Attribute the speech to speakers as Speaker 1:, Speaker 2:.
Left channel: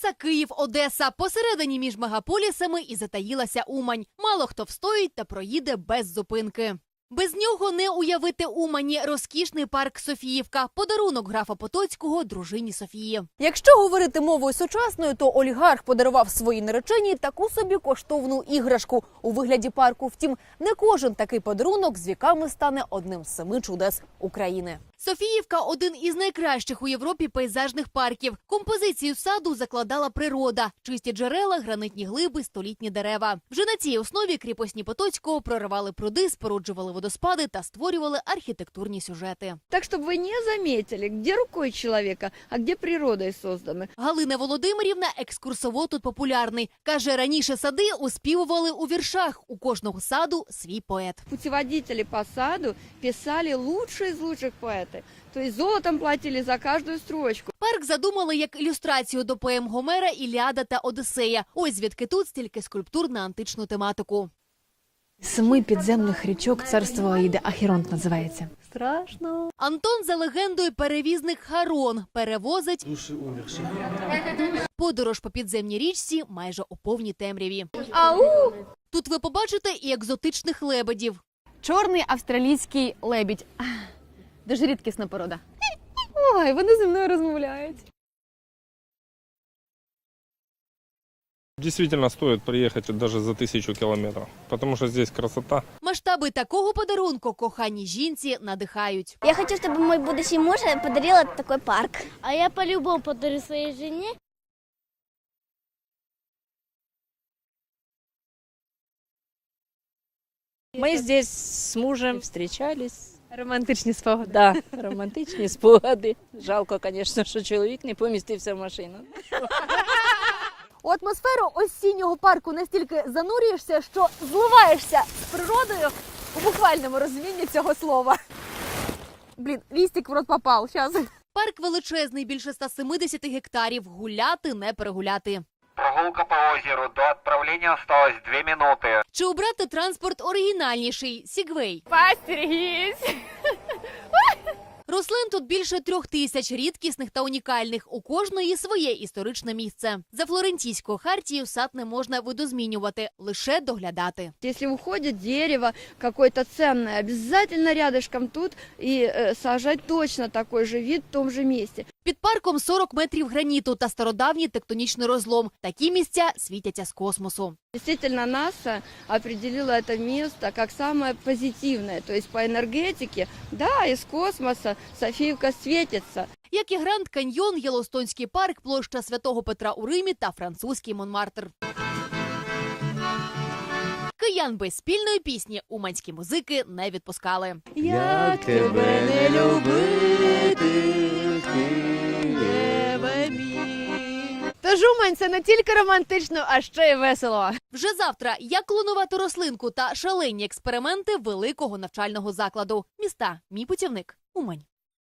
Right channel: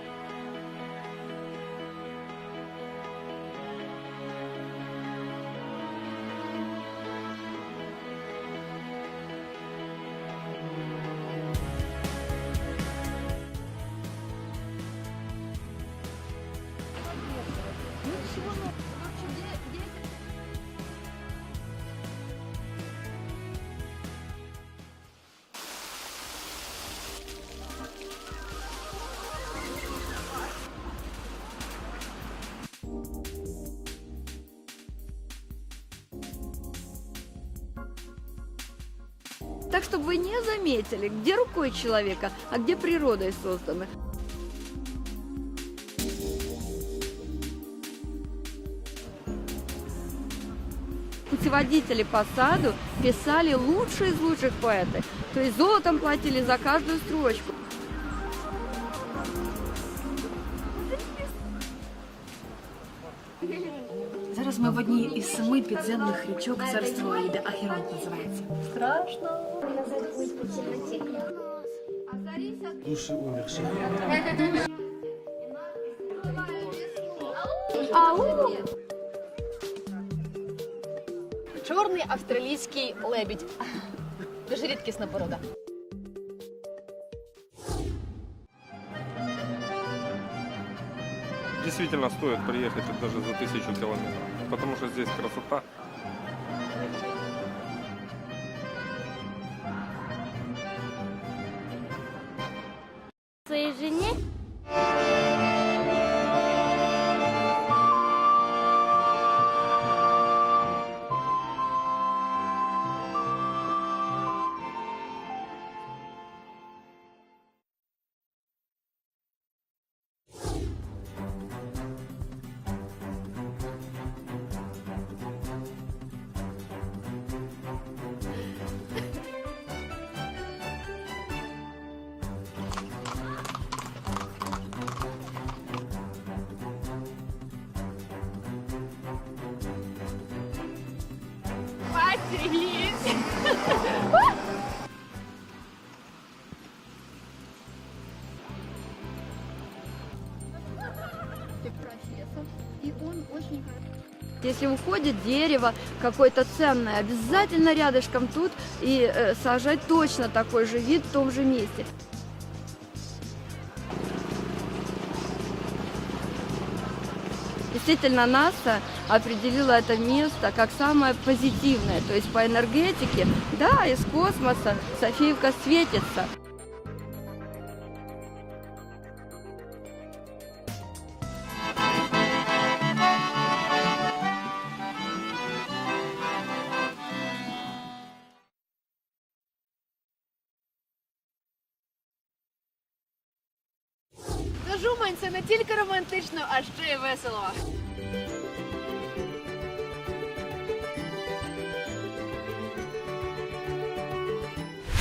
Speaker 1: Траса Київ-Одеса. Посередині між мегаполісами і затаїлася Умань. Мало хто встоїть та проїде без зупинки. Без нього не уявити Умані розкішний парк Софіївка, подарунок графа Потоцького дружині Софії. Якщо говорити мовою сучасною, то олігарх подарував своїй нареченій таку собі коштовну іграшку у вигляді парку. Втім, не кожен такий подарунок з віками стане одним з семи чудес України. Софіївка один із найкращих у Європі пейзажних парків. Композицію саду закладала природа, чисті джерела, гранитні глиби, столітні дерева. Вже на цій основі кріпосні Потоцького проривали пруди, споруджували водоспади та створювали архітектурні сюжети.
Speaker 2: Так, чтобы вы не заметили, где рукой человека, а где природой созданы.
Speaker 1: Галина Володимирівна екскурсовод тут популярний. каже, раніше сади оспівували у віршах. У кожного саду свій поет.
Speaker 2: Путеводители по саду писали лучшие из лучших поэтов. То есть золотом платили за каждую строчку.
Speaker 1: Парк задумали як ілюстрацію до поем Гомера, Іліада та Одіссея. Ось звідки тут стільки скульптур на античну тематику.
Speaker 3: Зараз ми в одній із семи підземних річок царства Аїди. Ахіронт називається.
Speaker 2: Страшно.
Speaker 1: Антон за легендою перевізник Харон перевозить
Speaker 4: Души умерших.
Speaker 1: подорож по підземній річці майже у повній темряві.
Speaker 2: Ау!
Speaker 1: Тут ви побачите і екзотичних лебедів.
Speaker 3: Чорний австралійський лебідь. Дуже рідкісна порода. Ой, вони зі мною розмовляють.
Speaker 5: Действительно стоит приехать даже за тысячу километров, потому что здесь красота.
Speaker 1: Масштаби такого подарунку коханій жінці надихають.
Speaker 6: Я хочу, чтобы мой будущий муж подарил такой парк. А я по-любому подарю своей жене.
Speaker 7: Ми здесь з мужем встречались. Романтичні спогади. Да, романтичні спогади. Жалко, звісно, що чоловік не помістився в машину.
Speaker 1: У атмосферу осіннього парку настільки занурюєшся, що зливаєшся з природою у буквальному розумінні цього слова. Блін, лістик в рот попав. Щас. Парк величезний, більше 170 гектарів. Гуляти не перегуляти.
Speaker 8: Прогулка по озеру. До отправления осталось две минуты.
Speaker 1: Чи обрати транспорт оригінальніший Сігвей? Рослин тут більше трьох тисяч рідкісних та унікальних. У кожної своє історичне місце. За флорентійською хартією сад не можна видозмінювати, лише доглядати.
Speaker 2: Если уходит дерево какое-то ценное, обязательно рядышком тут и э, сажать точно такой же вид в том же месте.
Speaker 1: Під парком 40 метрів граніту та стародавній тектонічний розлом. Такі місця світяться з космосу.
Speaker 2: Действительно, НАСА определила это место как самое позитивное. То есть по энергетике, да, из космоса Софиевка светится.
Speaker 1: Як і Гранд Каньйон, Єлостонський парк, площа Святого Петра у Римі та французький Монмартр. Киян без спільної пісні уманські музики не відпускали.
Speaker 4: Як тебе не любити, Києве мій.
Speaker 3: Тож Умань це не тільки романтично, а ще й весело.
Speaker 1: Вже завтра як клонувати рослинку та шалені експерименти великого навчального закладу. Міста мій путівник Умань.